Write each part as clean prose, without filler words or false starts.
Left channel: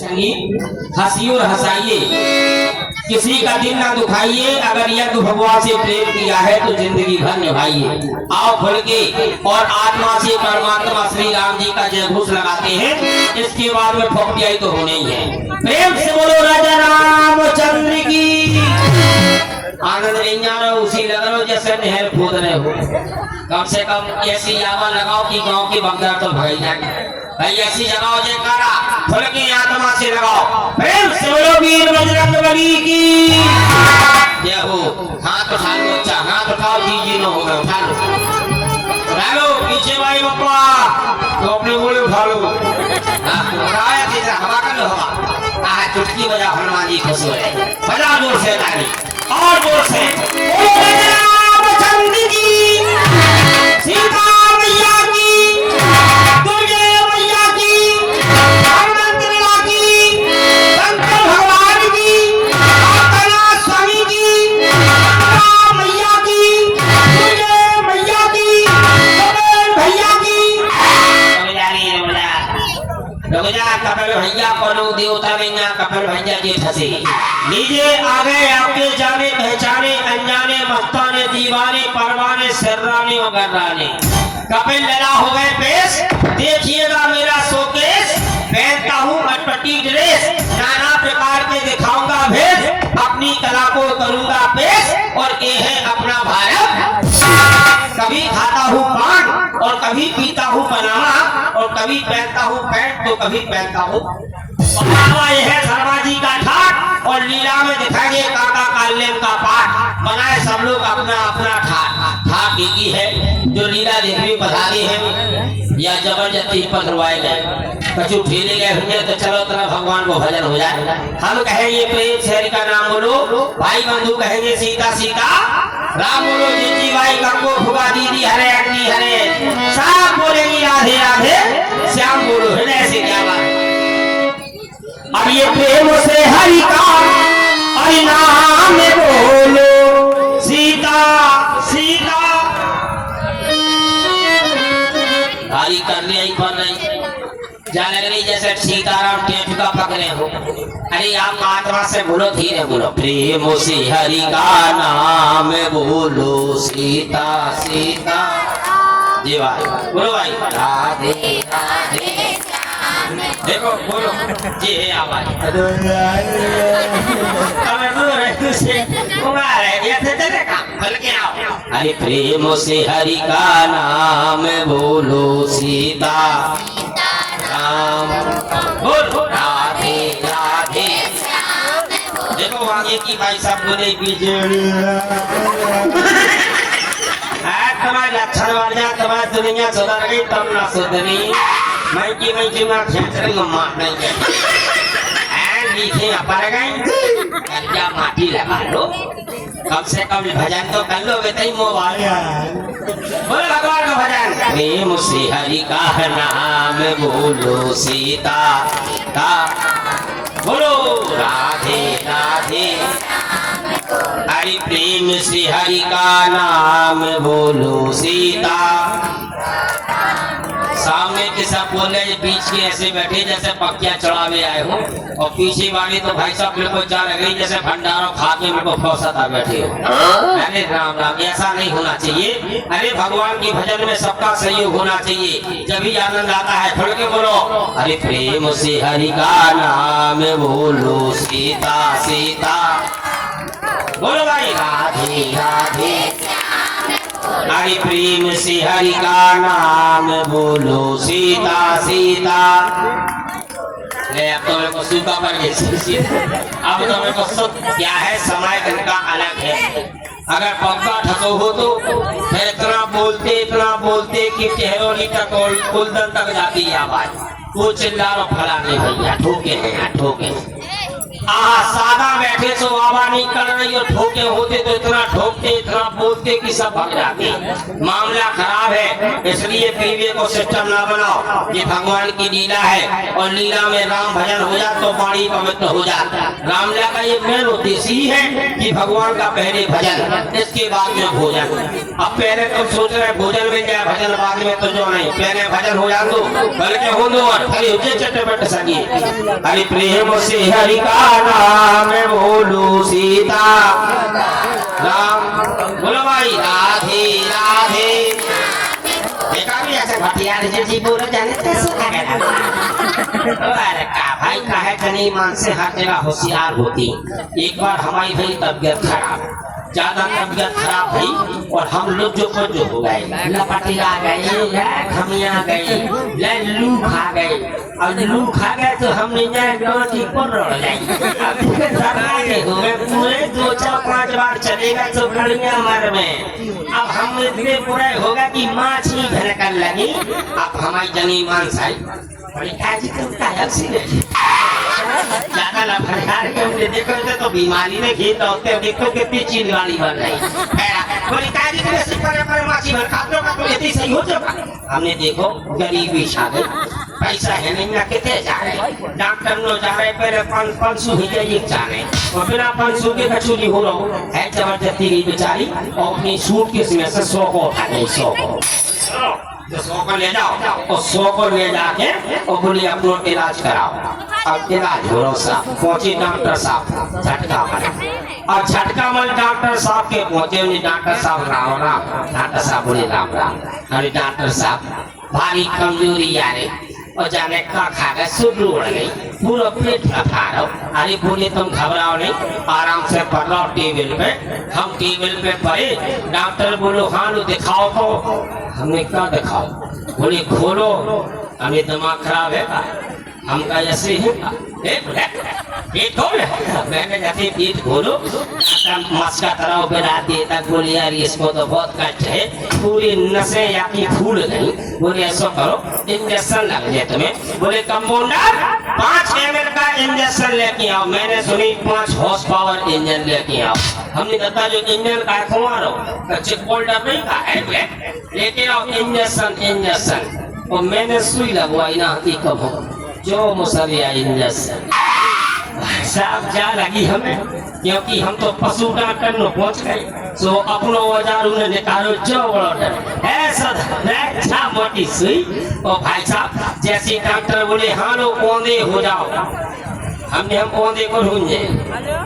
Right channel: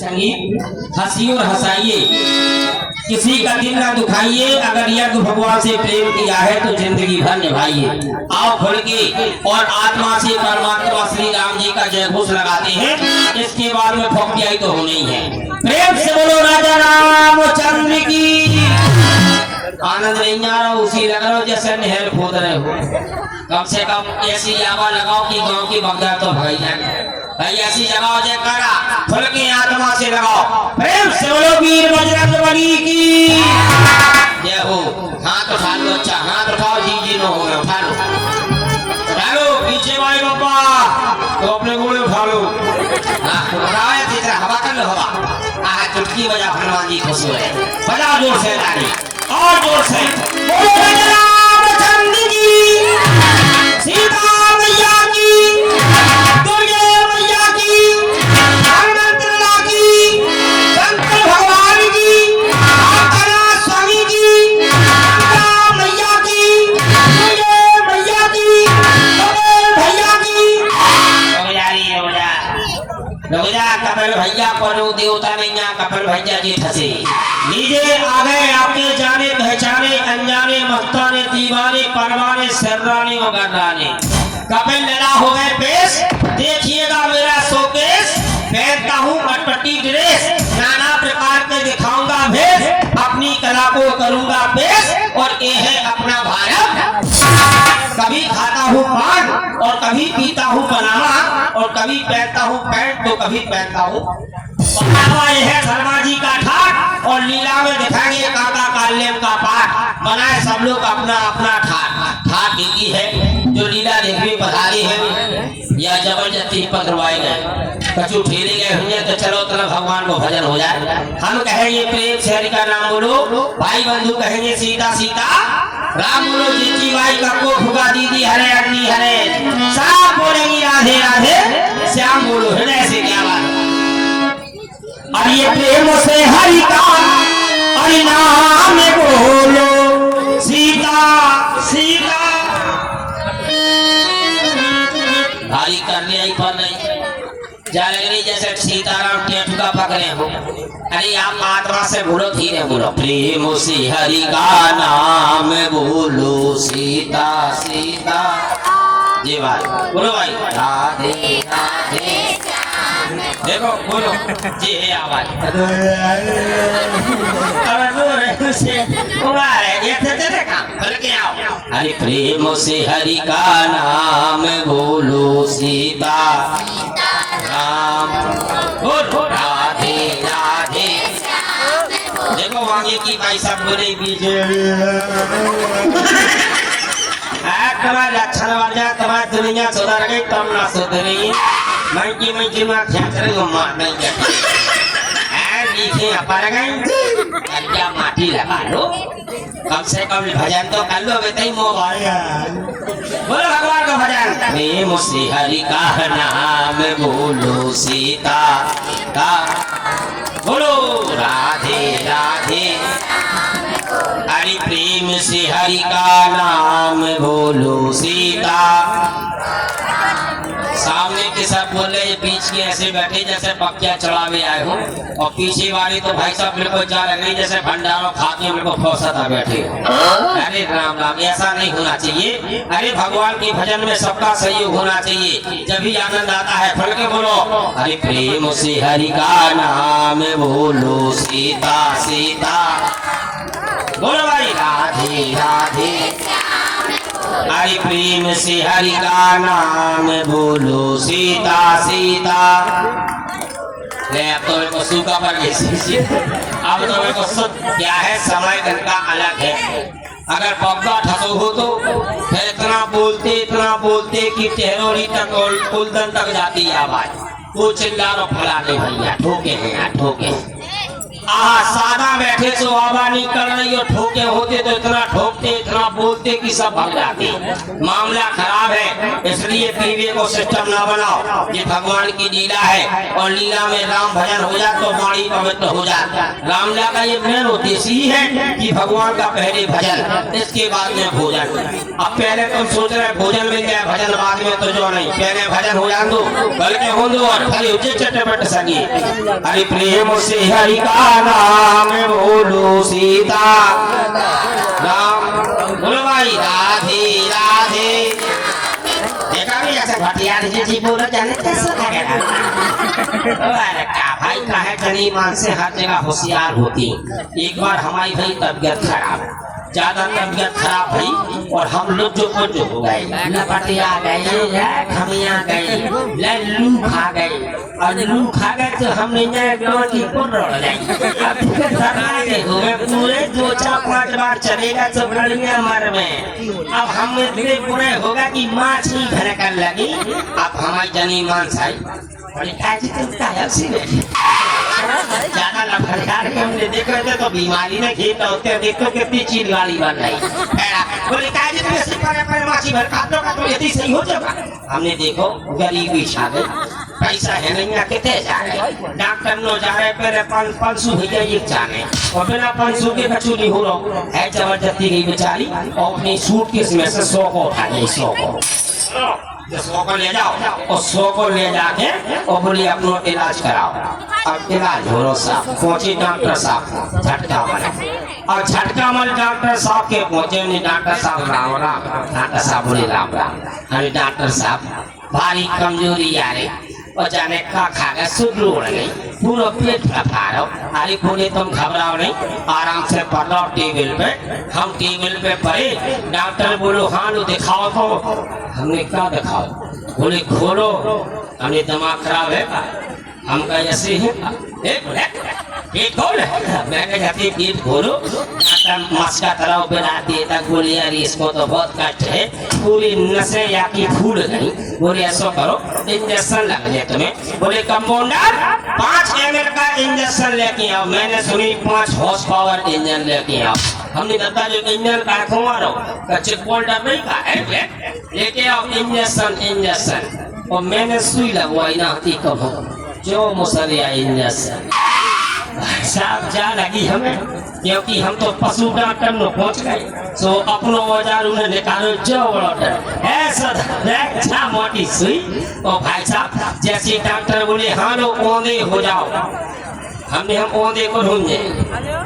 संगीत हंसी और हंसाइए, किसी का दिल ना दुखाइए। अगर यह भगवान से प्रेम किया है तो जिंदगी भर निभाइए। आओ खुल के और आत्मा से परमात्मा श्री राम जी का जय घोष लगाते हैं। इसके बाद में ठोकियाई तो होनी ही है। प्रेम से बोलो राजा रामचंद्र की। आनंद नहीं आ रहा, उसी लग रहा हो जैसे नहर खोद रहे हो। कम से कम ऐसी यावा लगाओ कि गांव के बगैर तो भाई जाए। भाई ऐसी लगाओ जयकारा, खुल के आत्मा से लगाओ। प्रेम से बोलो वीर बजरंगबली की जय हो। हाथ उठा लो, अच्छा हाथ उठाओ। जी नो हो गया, उठा लो, उठा लो। पीछे भाई बापा तो अपने बोले उठा लो। उठाया तीसरा हवा कर लो, हवा चुटकी बजा। हनुमान जी खुश हुए, बजा जोर से ताली और जोर से। रामचंद्र जी, सीता मैया की, दुर्गे मैया की, हनुमंत की, शंकर भगवान की, जगन्नाथ स्वामी की, सीता मैया की, दुर्गे मैया की, कपिल भैया की। कपिल भैया परो देवता नहीं, कपिल भैया जी फंसे नीचे आ गए। आपके जाने पहचाने अनजाने मस्ताने दीवाने परवाने सर्राने और गर्राने। कपिल लड़ा हो गए पेश, देखिएगा मेरा शोकेस। पहनता हूँ अटपटी ड्रेस, नाना प्रकार के दिखाऊंगा भेष। अपनी कला को करूंगा पेश और ये है अपना भारत। कभी खाता हूँ पान और कभी पीता हूँ बनाना, और कभी पहनता हूँ पैंट तो कभी पहनता हूँ। यह है शर्मा जी का ठाट, और लीला में दिखाएंगे काका काल्यम का पाठ। बनाए सब लोग अपना अपना ठाट। ठाट एक ही है जो लीला देखने पधारी है या जबरदस्ती पकड़वाए गए। कछु ठेले गए होंगे तो चलो तरफ भगवान को भजन हो जाए। हम कहेंगे प्रेम से हरि का नाम बोलो, भाई बंधु कहेंगे सीता सीता राम बोलो। जीती बाई का कोट होगा दीदी हरे अग्नि हरे। सब बोलेंगी राधे राधे श्याम बोलो। हृदय से क्या बात। और ये प्रेम से हरि का हरि नाम बोलो, सीता सीता। भारी करने आई पर नहीं जा रही जैसे सीताराम टेंट का पकड़े हो। अरे आप आत्मा से बोलो, धीरे बोलो। प्रेम से हरि का नाम बोलो, सीता सीता। जी भाई बोलो भाई राधे राधे। देखो बोलो जी है आवाज। अरे प्रेम से हरि का नाम बोलो, सीता राम बोलो राधे राधे। देखो आगे की भाई सब बोले बीजे तुम्हारे लक्षण वाला तुम्हारी दुनिया सुधर गई तब ना सुधरी। मैं की ना खेच रही मार नहीं करती लिखे पर गए। कन्या माटी लगा लो, कम से कम भजन तो कर लो। बताइए मोबाइल बोलो भगवान का भजन। प्रेम से हरि का नाम बोलो, सीता का बोलो राधे राधे। हरि प्रेम से हरि का नाम बोलो, सीता। सामने के सब बोले, बीच के ऐसे बैठे जैसे पक्किया चढ़ावे आए हो, और पीछे वाले तो भाई साहब लोग जा रहे जैसे भंडारों खा के उनको फौसता बैठे हो। अरे राम राम, ऐसा नहीं होना चाहिए। अरे भगवान के भजन में सबका सहयोग होना चाहिए, जब आनंद आता है। खुल के बोलो। अरे प्रेम से हरि का नाम बोलो, सीता सीता बोलो भाई राधे राधे। हरि प्रेम से हरि का नाम बोलो, सीता सीता। अब तो मेरे को सूखा पड़ गया। अब तो मेरे को सुख क्या है, समय दिन का अलग है। अगर पब्बा ठसो हो तो फिर इतना बोलते कि टेहरोरी तक और कुलदन तक जाती है आवाज। वो चिल्ला रो फला नहीं भैया, ठोके हैं ठोके। सादा बैठे तो आवा नहीं कर रही और ठोके होते तो इतना ठोकते इतना बोलते कि सब भग जाते। मामला खराब है, इसलिए पीवे को सिस्टम ना बनाओ। ये भगवान की लीला है और लीला में राम भजन हो जाए तो वाणी पवित्र हो जाए। रामलीला का ये मेन उद्देश्य ही है कि भगवान का पहले भजन, इसके बाद में भोजन। अब पहले तुम सोच रहे भोजन मिल जाए भजन बाद में, तो जो नहीं, पहले भजन हो जाए दो, बल्कि हो दो और फिर चटपट सगी। हरि प्रेम से हरि का नाम बोलो सीता राम, बोलो भाई राधे राधे। देखा नहीं ऐसे भटियार जी बोलो जाने कैसे करेगा। अरे का भाई का है जनी मन से हर जगह होशियार होती। एक बार हमारी भाई तबियत खराब, ज्यादा तबियत खराब भई और हम लोग जो कुछ हो गए, लपटिया गए, खमिया गए, लू खा गए। और लू खा गए तो हम नहीं जाए की पुर रह जाए। अब फिर पूरे 2-4-5 बार चलेगा तो गड़िया मर में। अब हम इतने पूरे होगा कि माछ ही भड़कन लगी। अब हमारी जनी मान साई बड़ी ताजी तुमका हंसी लगी। ज्यादा लफड़कार के हमने देखे थे तो बीमारी में घेर होते, देखो कितनी चीज गाड़ी बन रही। सही हो जाएगा। हमने देखो गरीबी शादी, पैसा है नहीं ना कितने जा रहे, डॉक्टर नो जा रहे पहले 500 हो जाइए जाने और बिना 500 के कछु नहीं हो रहा है। जबरदस्ती रही बेचारी और अपनी सूट के में से 100 को उठा गई। 100 को ले जाओ और 100 को ले जाके और बोली अपना इलाज कराओ। अब इलाज हो रहा साहब पहुंचे डॉक्टर साहब झटका मल और झटका मल डॉक्टर साहब के पहुंचे। उन्हें डॉक्टर साहब राम राम, डॉक्टर साहब बोले राम राम। अरे डॉक्टर साहब भारी कमजोरी आ रही और जाने का खा गए शुरू उड़ गई, पूरा पेट फटा रहा। अरे बोले तुम घबराओ नहीं, आराम से पढ़ रहा टेबल पे। हम टेबल पे पढ़े, डॉक्टर बोलो हाँ लो दिखाओ। तो हमने क्या दिखाओ, बोले खोलो। हमने दिमाग खराब है, हम का ऐसे है पेट खोल। मैंने कहते पेट खोलो, मस्का तरह बना देता। बोले यार इसको तो बहुत कष्ट है, पूरी नसें या की फूल गई। बोले ऐसा करो इंजेक्शन लग जाए तुम्हें। बोले कंपाउंडर 5 ml का इंजेक्शन लेके आओ। मैंने सुनी 5 हॉर्स पावर इंजन लेके आओ। हमने बताया जो इंजन का खुमारो कच्चे पोल्डर नहीं का है, लेके आओ इंजेक्शन। और मैंने सुई लगवाई ना आती कब जो मुसलिया इंजेक्शन साहब जा लगी हमें, क्योंकि हम तो पशु डॉक्टर में पहुंच गए। सो अपनो औजार उन्हें निकालो जो ऑर्डर ऐसा मोटी सुई। तो भाई साहब जैसे डॉक्टर बोले हाँ लो औंधे हो जाओ, हमने हम औंधे को ढूंढे,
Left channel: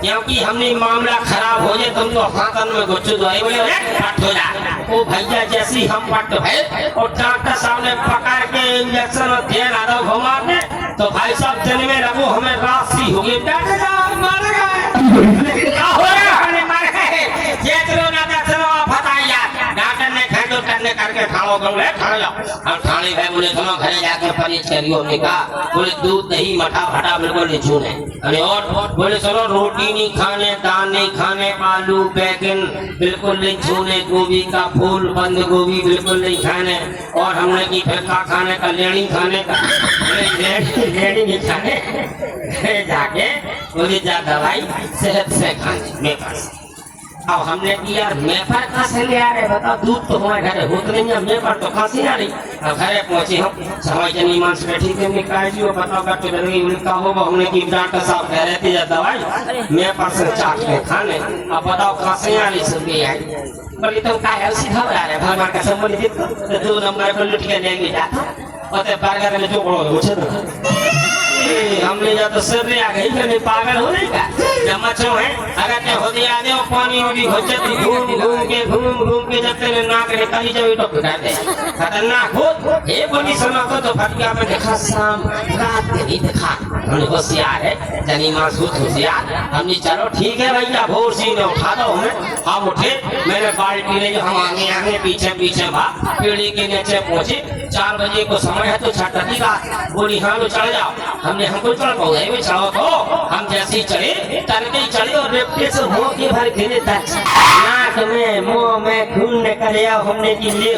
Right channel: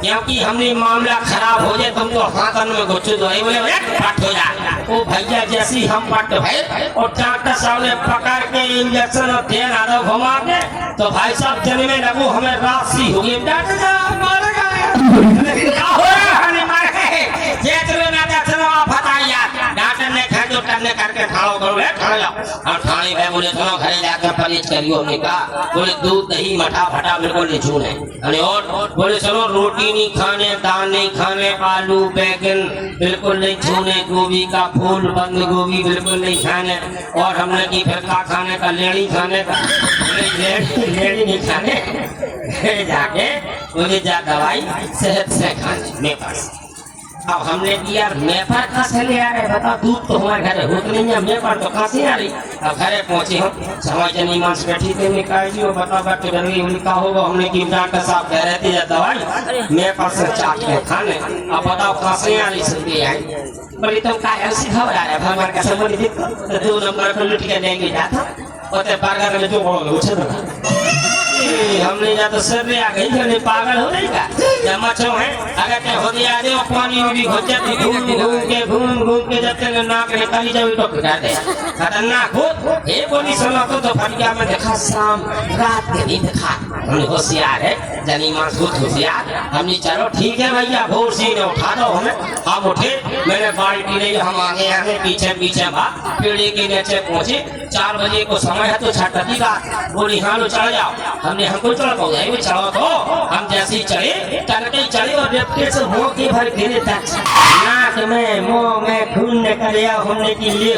क्योंकि हमने मामला खराब हो जाए तुम तो हाथन में गुच्छे दो बोले पट हो जाए। ओ भैया जैसी हम पट है और डॉक्टर साहब ने पकड़ के इंजेक्शन और तेल आधा घुमा के, तो भाई साहब जन में रखो हमें राशि हो गई। डॉक्टर साहब मर गए, क्या हो रहा है? हमने मर गए। ये चलो ना चलो आप बताइए। डॉक्टर ने घर तो करने करके खाओ करो खा जाओ। हम खाने गए, बोले चलो घरे जाकर परहेज करियो। हमने कहा बोले दूध दही मठा फटा बिल्कुल नहीं छूने। अरे और बोले चलो रोटी नहीं खाने, दाल नहीं खाने, आलू बैगन बिल्कुल नहीं छूने, गोभी का फूल बंद गोभी बिल्कुल नहीं खाने। और हमने की फिर का खाने का लेनी खाने का, लेनी नहीं खाने जाके मुझे जा दवाई सेहत से खाने मेरे पास। अब हमने की यार मेफर कहाँ से ले आ रहे बताओ, दूध तो हमारे घरे होत नहीं है, मेफर तो कहाँ से आ रही। अब घरे पहुंचे हम समय जनी मांस बैठी थे निकालियो बताओ कट गंगी उल्का होगा। हमने की डॉक्टर साहब कह रहे थे दवाई मेफर से चाट के खाने। अब बताओ कहाँ से आ रही सब है। बोले तुम का ऐसी घबरा रहे भगवान का संबंधित 2 नंबर पर लुट के लेंगे जाता और बर्गर में जो हमने जा तो सर आ गई पागल हो नहीं का जब मच्छो है। अगर क्या हो दिया आदे पानी होगी हो जाती घूम के जब तेरे नाक निकाली जाए तो खतरनाक हो। ये बोली सुनो तो फटिया में देखा शाम रात नहीं देखा। हमने होशियार है जनी मास होशियार। हमने चलो ठीक है भैया भोर सी ने उठा दो हमें। हम उठे, मैंने बाल्टी ले हम आगे पीछे पीछे भाग पीढ़ी के नीचे पहुंचे। 4 बजे को समय है तो छठी का बोली हाँ लो चढ़ जाओ। हमने हमको चढ़ पाओ चढ़ो तो हम जैसे ही चले तनके चले और रेपटे से हो के भर घेरे तक नाक में मुंह में खून निकल आओ। हमने की ले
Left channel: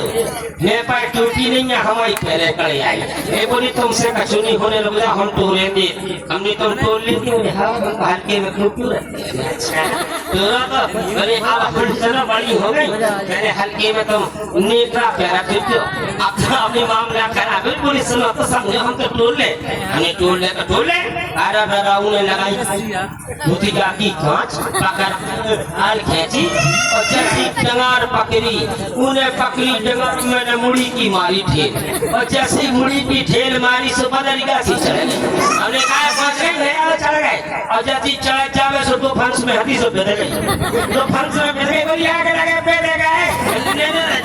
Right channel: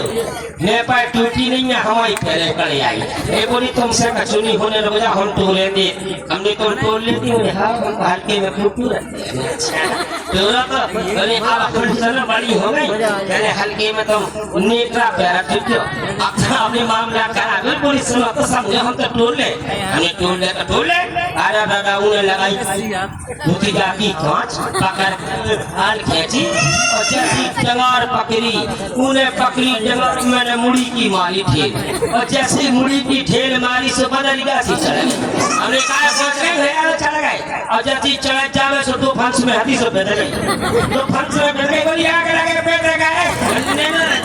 मेरे पास टूटी नहीं है हमारी पहले करे आई। ये बोली तुमसे कचुनी होने लग जा हम तोड़ लेंगे। हमने तो तोड़ लेती हूँ हम हल्के में टूटू बोले अब चलो बड़ी हो गई कहने हल्के में तुम नेत्रा प्यारा टूटो अब तो अपने मामला करा बिल्कुल सुनो तो समझे हम तो टोल ले हमने टोल ले तो टोल ले। अरे दादा उन्हें लगाई धोती जाती कांच पकड़ हाल खींची और जैसी डंगार पकड़ी उन्हें पकड़ी डंगार मैंने मुड़ी की मारी ठेल और जैसी मुड़ी की ठेल मारी से बदल गया सी चढ़ गई। हमने कहा सोच रहे चढ़ गए और जैसी चढ़ जावे सो 2 फंस में हाथी से बेद गई 2 फंस में बेद गई बोली आगे लगे बेद गए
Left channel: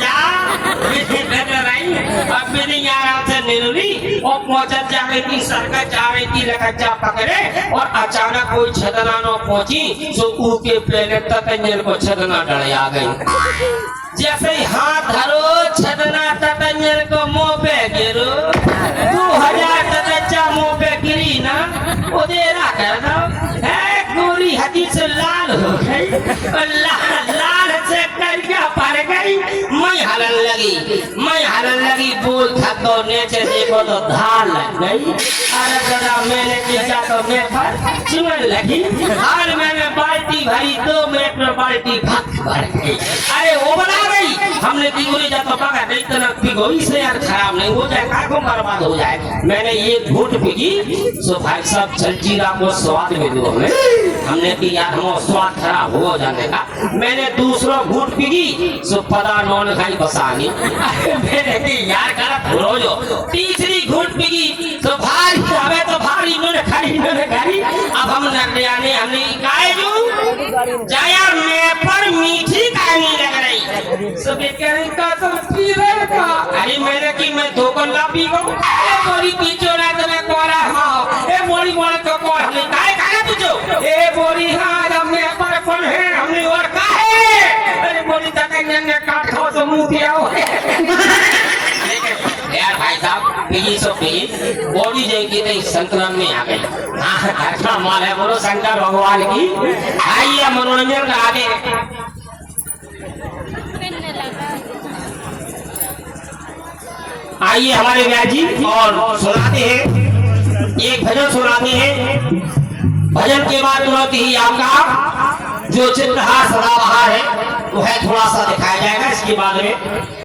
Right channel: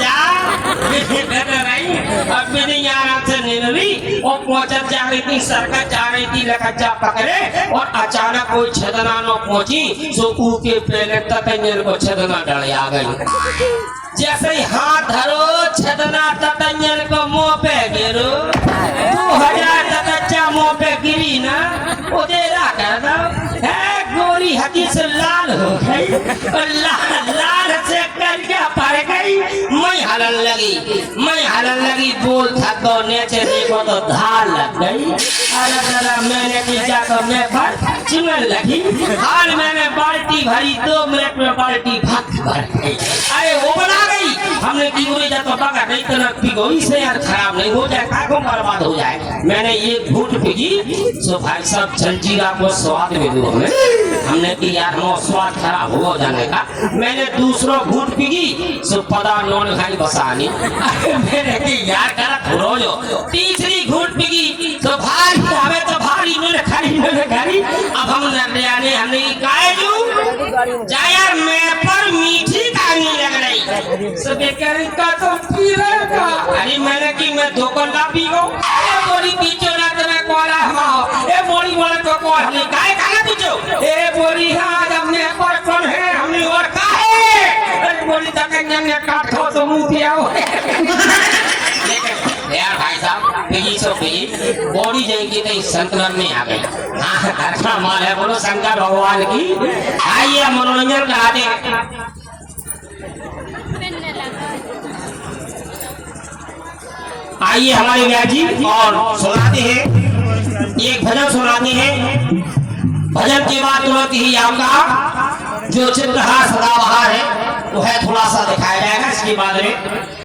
जा बेद रही अब नहीं आ रहा था निर्वी और पहुंचत जा रही थी सरकार जा रही थी लकच्चा पकड़े और अचानक कोई छदना न पहुंची सो के पहले ततंजन को छदना डले आ गई। जैसे ही हाथ धरो छदना ततंजन को मुंह पे गिरो 2000 ततच्चा मुंह पे गिरी ना उदेरा करना है गोरी हदी से लाल हो गई और लाल से करके पड़ गई। मैं हलन लगी बोल था तो नीचे देखो तो धार लग गई। अरे दादा मैंने नीचा तो मैं पर चुनल लगी और मैंने बाल्टी भरी 2 मिनट में बाल्टी भर गई। अरे वो बना गई हमने दीगुनी जब तो पका नहीं तो ना पिगोई से यार खराब नहीं हो जाए कागो बर्बाद हो जाए। मैंने ये घूट पीगी सो भाई साहब जलजीरा को स्वाद में दो हमने की यार हम स्वाद खराब हो जाने का। मैंने दूसरों घूट पीगी सो पता नॉन खाई बसानी मैंने की यार करा रोजो तीसरी घूट पीगी सो भाई हमें तो भारी नोने खाई अब हम लगने आने हमने गाय जो जाया मैं पर मीठी कहानी लग रही सो कह रही का तो पी रहे का। अरे मैंने की मैं धोखन का पी गो ए बोली पीछे ना तो मैं कोरा हमाओ ए बोली बोले तो कोर हमने काय खाना तुझे ए बोली हाँ हमने पर कौन है हमने और का है अरे बोली तकन ने काट खाओ तो मुंह पे आओ यार भाई साहब पीगी सो पीगी बॉडी जाएगी तो संतुलन में आ गई। हाँ अच्छा माल है बोलो शंकर भगवान की आइए मनोरंजन करा दे। आइए हमारे व्यास जी और सुनाते हैं एक भजन सुनाते हैं। भजन के बाद तुरंत ही आपका जो चित्रहार सदाबहार है वो है थोड़ा सा दिखाया जाएगा इसके बाद में